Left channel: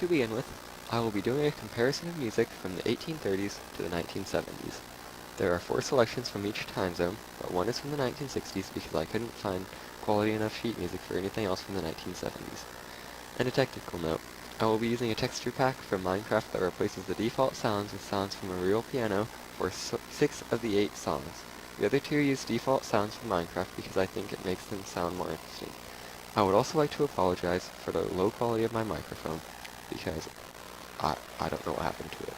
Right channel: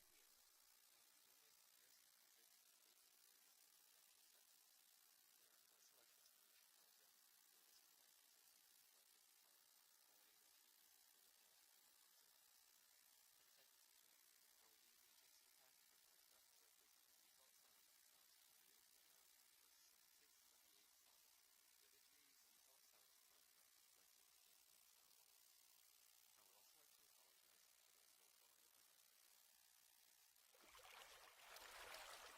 To begin with, I will be doing a comparison of music from the 1830s to the 1970s. There are 4 selections from each time zone, but one is from the 1960s because I couldn't find quality enough sheet music for anything else from the 1970s. And a technical note, I will be using a texture pack from Minecraft that replaces the default sounds with sounds from a real piano for 6 of the 8 songs. The other 2 use default sounds from Minecraft because I think it makes them sound more interesting. I would also like to apologize for the low quality of my microphone, because I don't know what happened to it.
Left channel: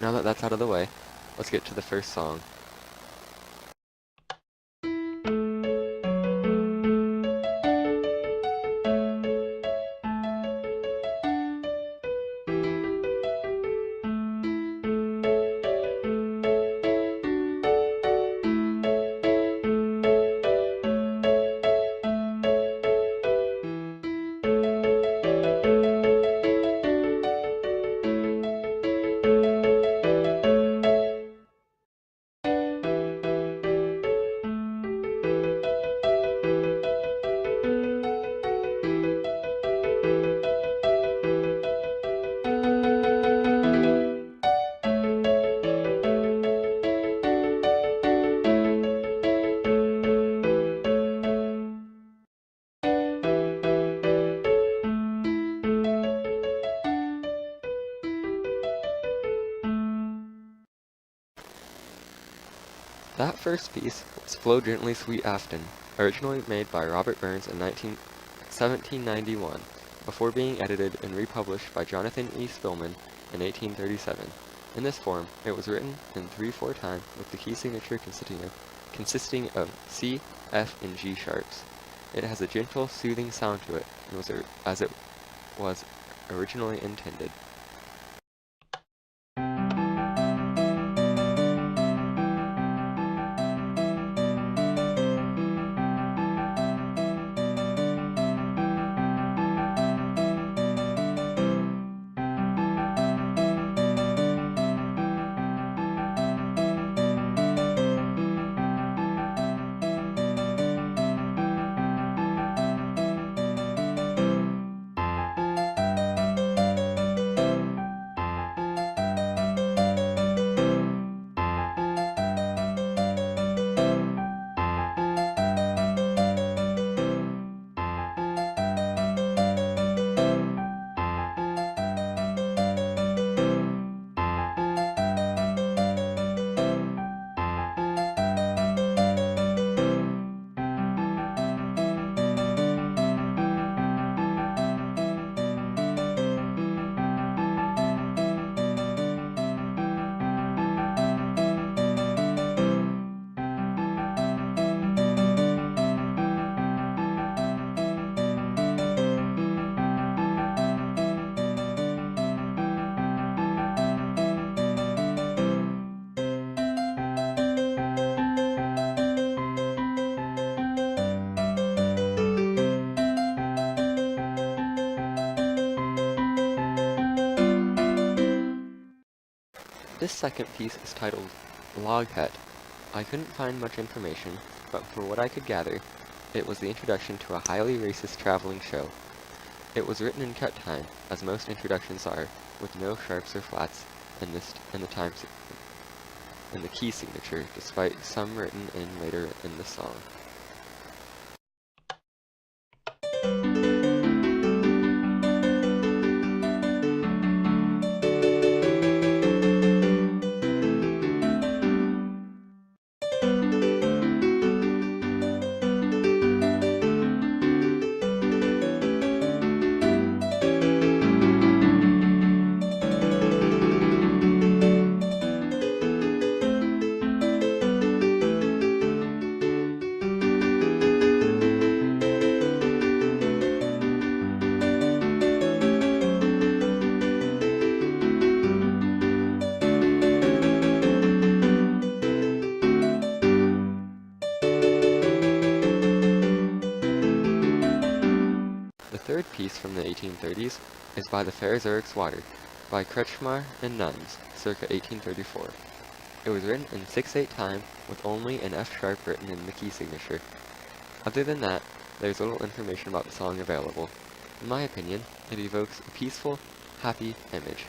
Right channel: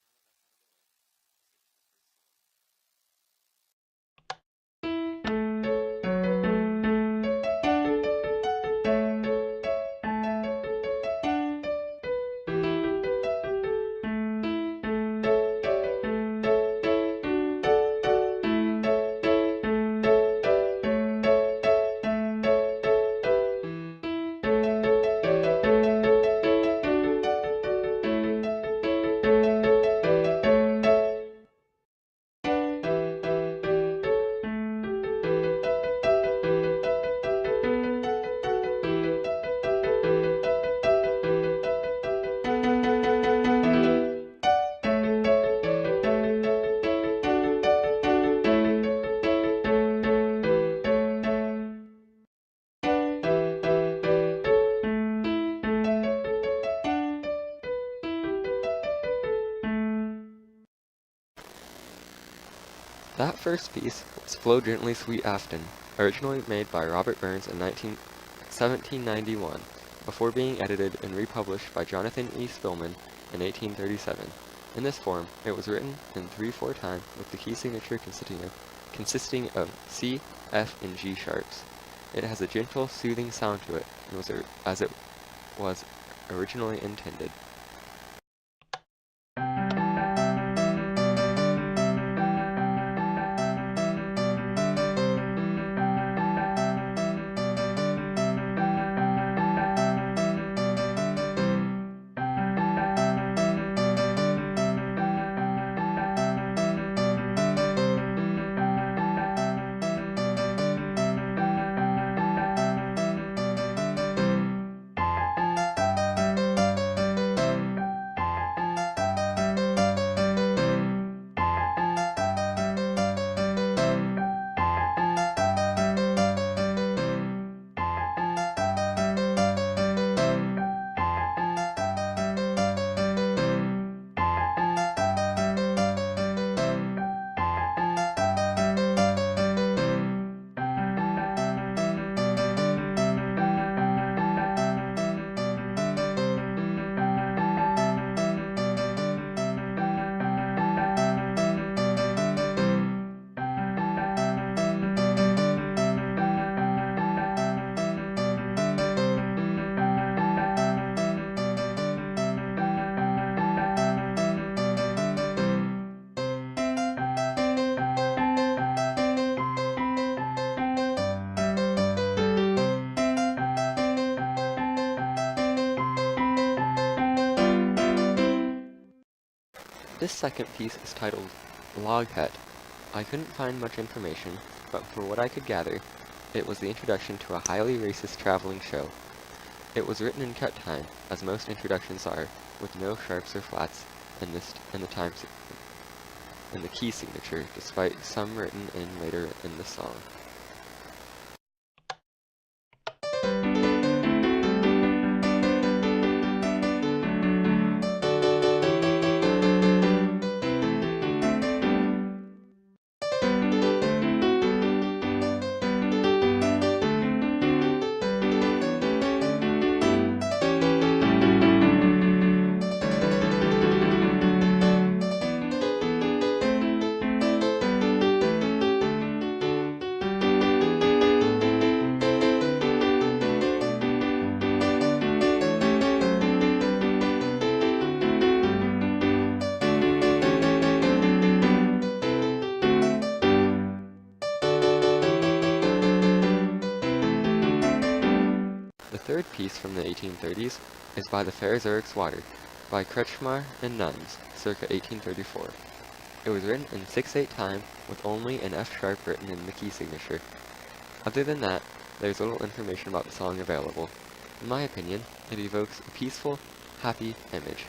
Now that that's out of the way, let's get to the first song. That first piece was Flow Gently Sweet Afton, originally made by Robert Burns in 1791, before being edited and republished by Jonathan E. Spillman in 1837. In this form, it was written in 3/4 time with the key signature consisting of C, F, and G sharps. It has a gentle, soothing sound to it, and as it was originally intended. This second piece is titled Log Hut. I couldn't find much information, but from what I could gather, it was the introduction to a highly racist traveling show. It was written in cut time, as most introductions are, with no sharps or flats in the key signature, despite some written in later in the song. The third piece from the 1830s is by the Fair Zurich's Water, by Kretschmar and Nuns, circa 1834. It was written in 6/8 time, with only an F sharp written in the key signature. Other than that, there's little information about the song available. In my opinion, it evokes a peaceful, happy image.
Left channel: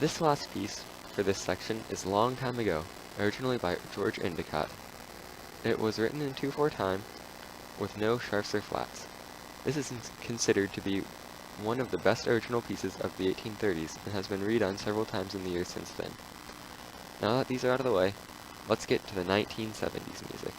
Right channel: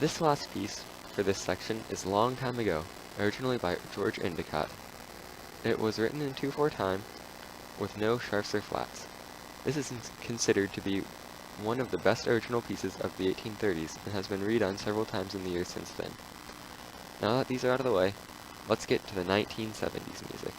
This last piece for this section is Long Time Ago, originally by George Endicott. It was written in 2/4 time with no sharps or flats. This is considered to be one of the best original pieces of the 1830s and has been redone several times in the years since then. Now that these are out of the way, let's get to the 1970s music.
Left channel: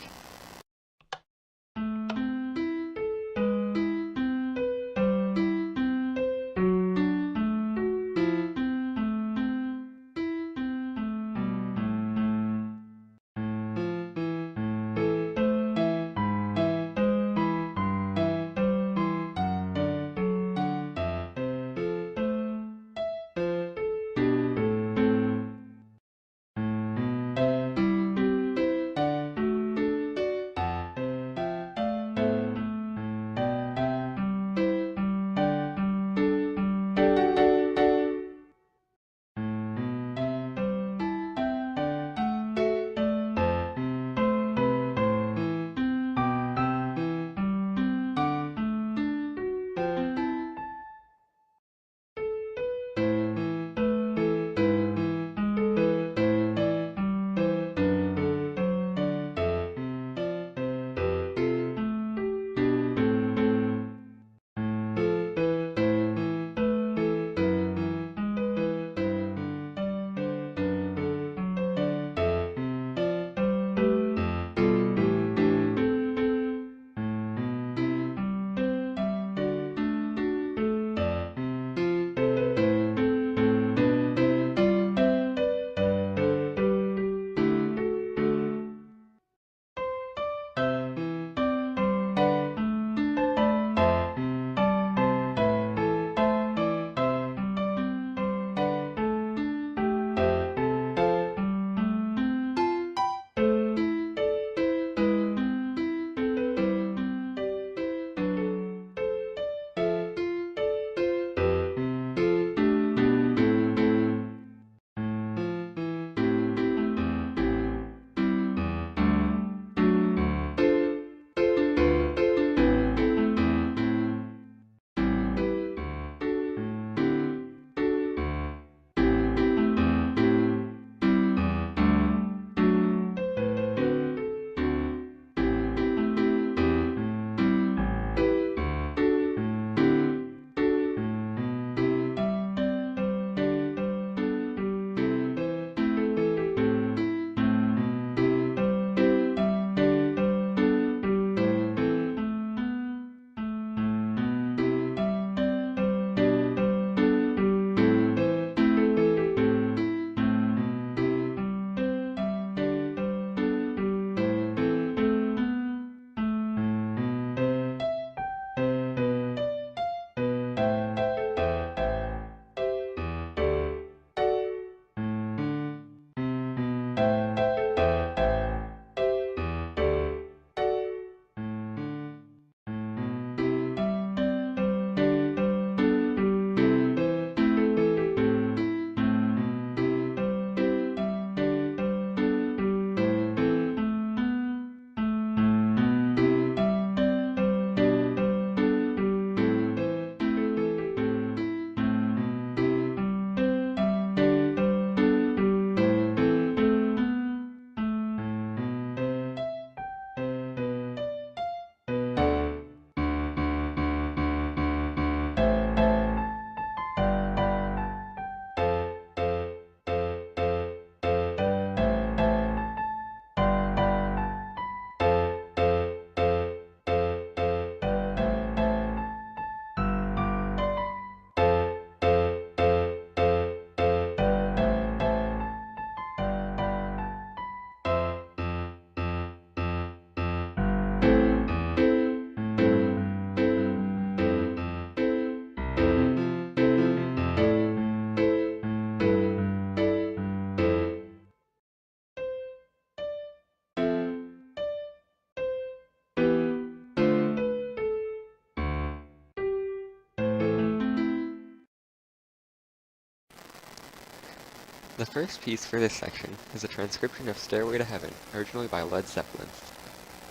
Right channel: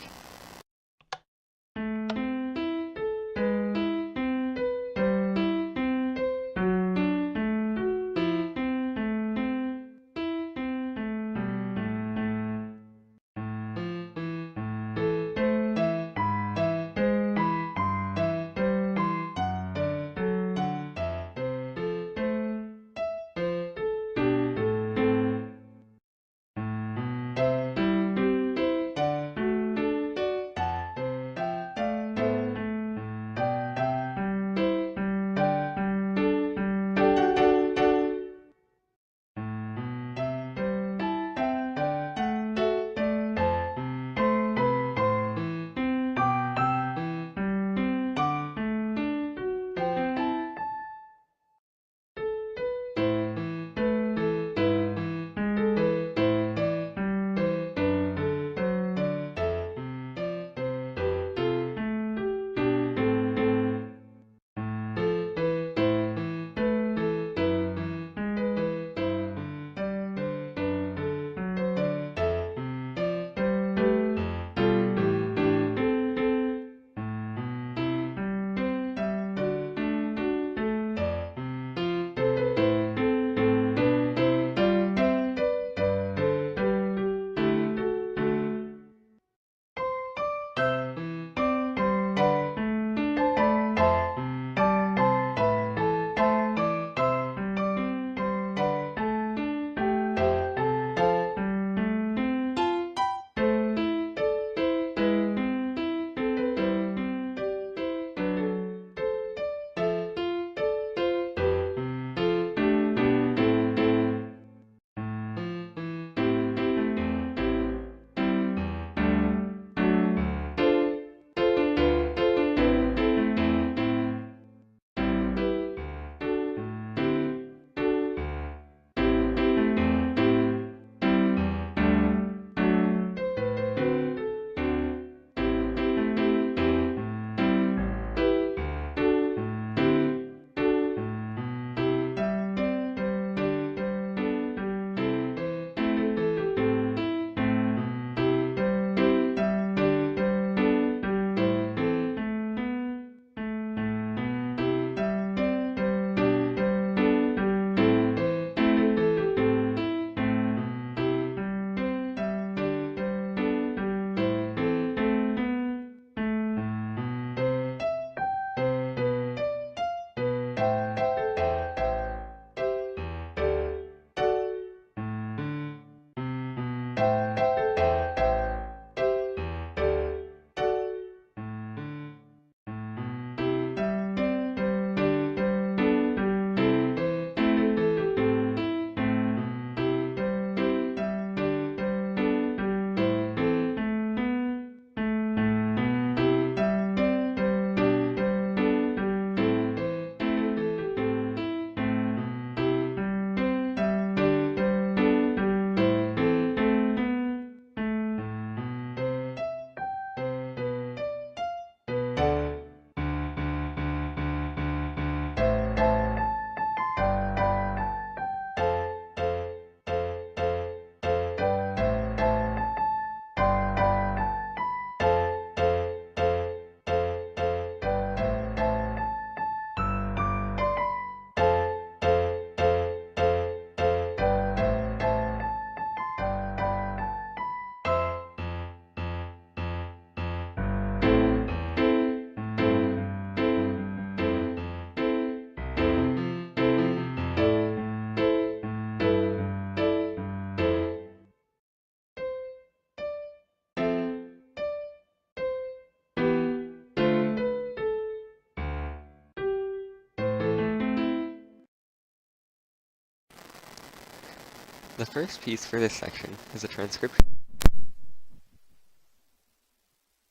The first piece for this section is a transcription of Stairway to Heaven, originally by Led Zeppelin.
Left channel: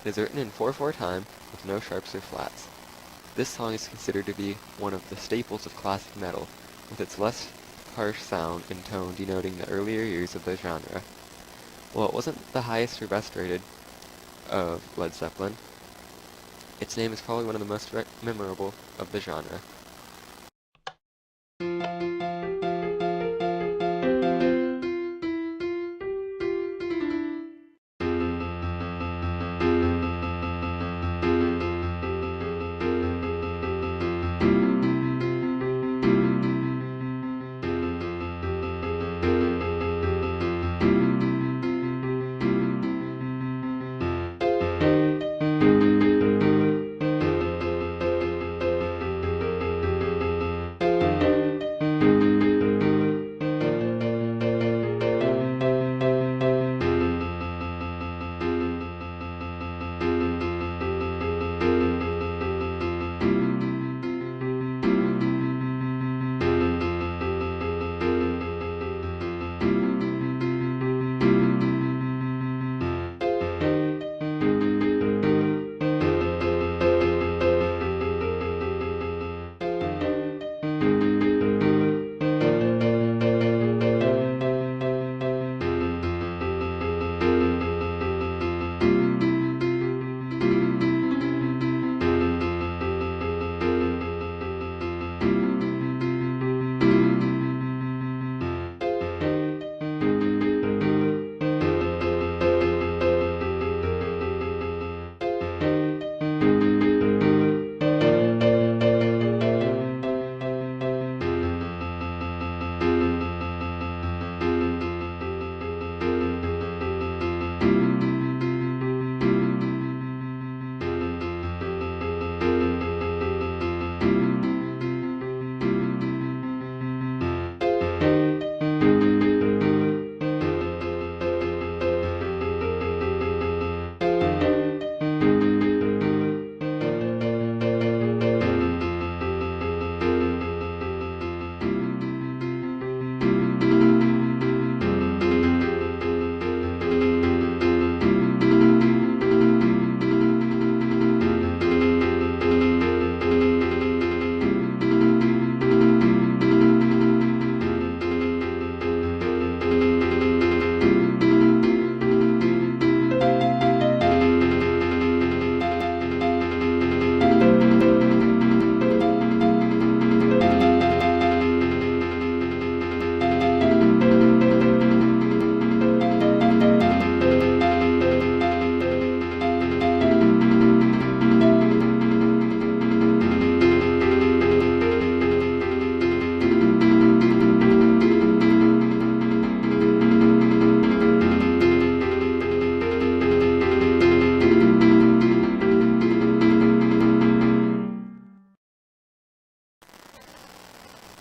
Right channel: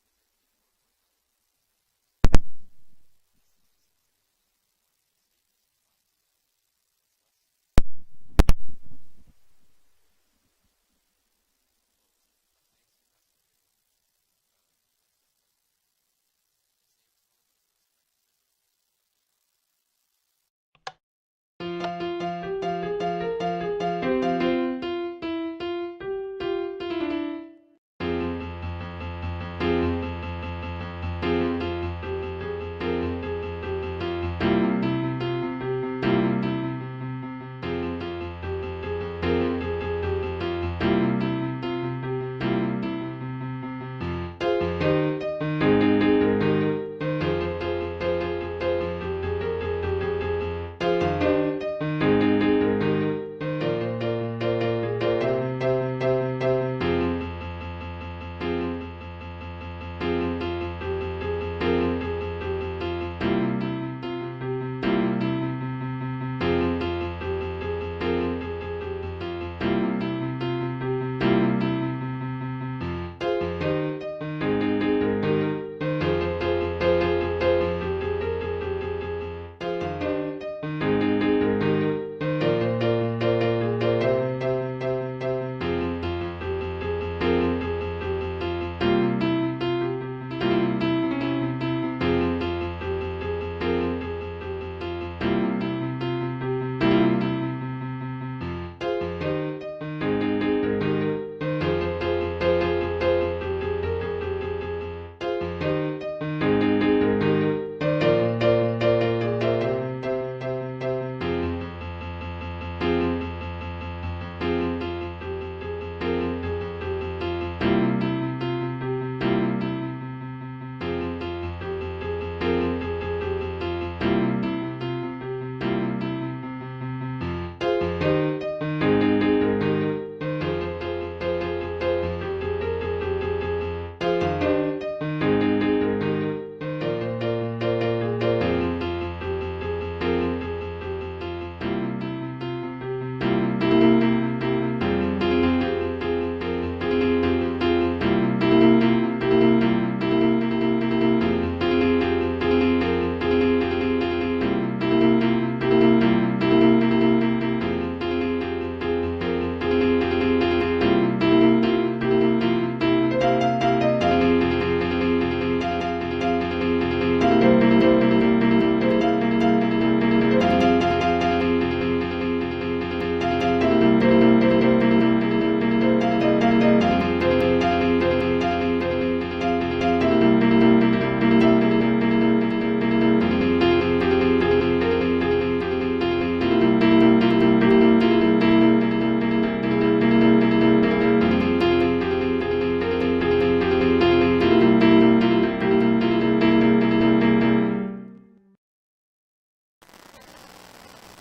It is written in 4/4 time, with no sharps or flats. This song is considered to be one of the staples of classic metal, with its less harsh sound and tone denoting the earlier years of the genre. While it wasn't the highest or best rated of Led Zeppelin, its name is probably one of the most memorable of the genre.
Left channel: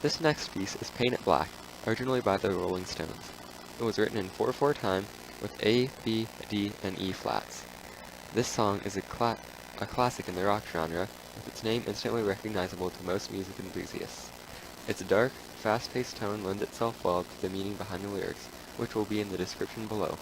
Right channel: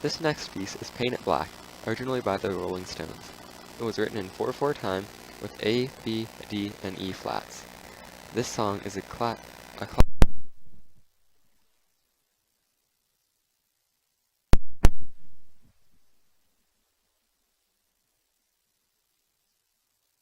This next piece is Paint It Black, originally by the Rolling Stones. It was written in 4/4 time with A, B, D, and E flats. This song is a classic in the rock genre, with its name instantly recognizable to most music enthusiasts. Its dark, fast-paced tone lends itself well to the meaning behind the lyrics, which will be in the description below.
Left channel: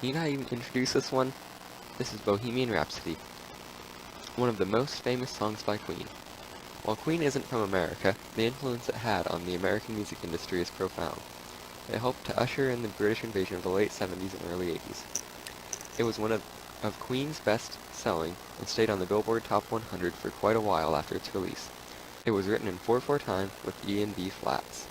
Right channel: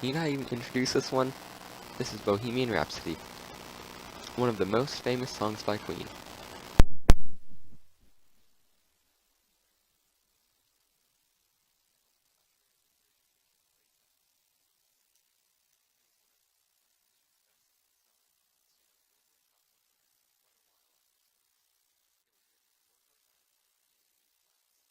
Need I even introduce this one? This is Bohemian Rhapsody, one of the most famous songs by Queen. While Queen isn't from America, the influence it had on the American music industry is profound. It helped to usher in the British invasion of the late 70s and early 80s. It was one of Queen's best-selling and stayed on the Billboard Top 100 for quite a while after its release. It was written in 4/4 time with E and B flats.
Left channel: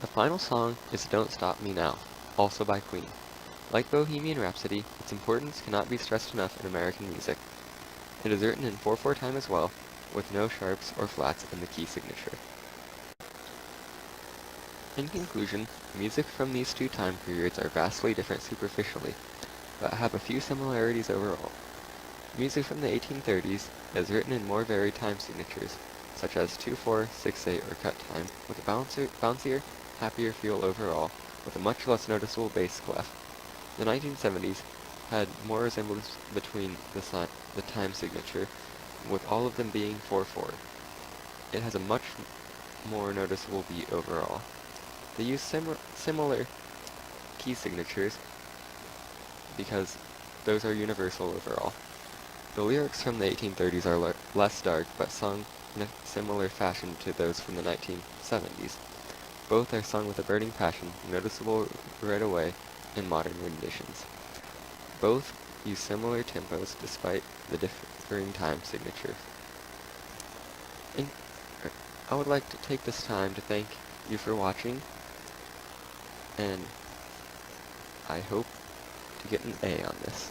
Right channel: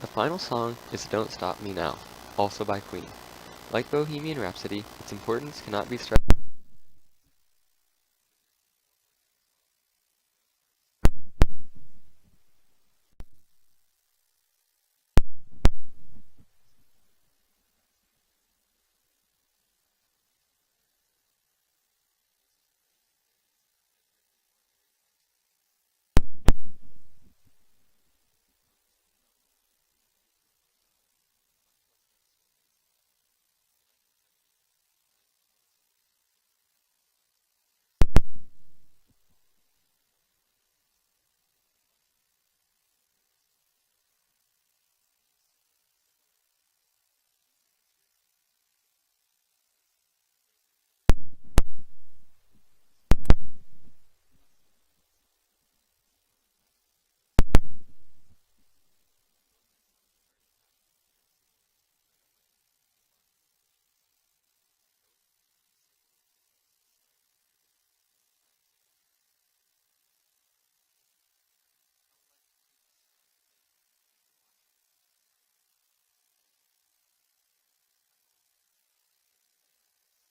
The final song is Don't Stop Me Now, also by Queen. Like Bohemian Rhapsody, its importance cannot be stressed enough in American music. It is written in 4/4 time as well, with no sharps or flats in the key signature. In conclusion, music from these two time periods are vastly different superficially, but have a few similarities overall. Music from the 1830s is written in more varied time signatures, such as 2/4, 6/8, or cut time, with a bouncier, happier feel overall, with a much less noticeable bass clef. The 1970s had more resemblance between the time signature, with all of them being 4/4. It has a much more noticeable beat overall. They use similar key signatures because those are universal overall. The lyrics from the 1830s are less dark, but sung in a similar fashion to those from the 1970s. Both are sung with a burning passion, noticeable right away in modern renditions. Both use similar tempos despite the differing time signatures. And I would like to take this time to thank you for watching, and I hope to get an A on this.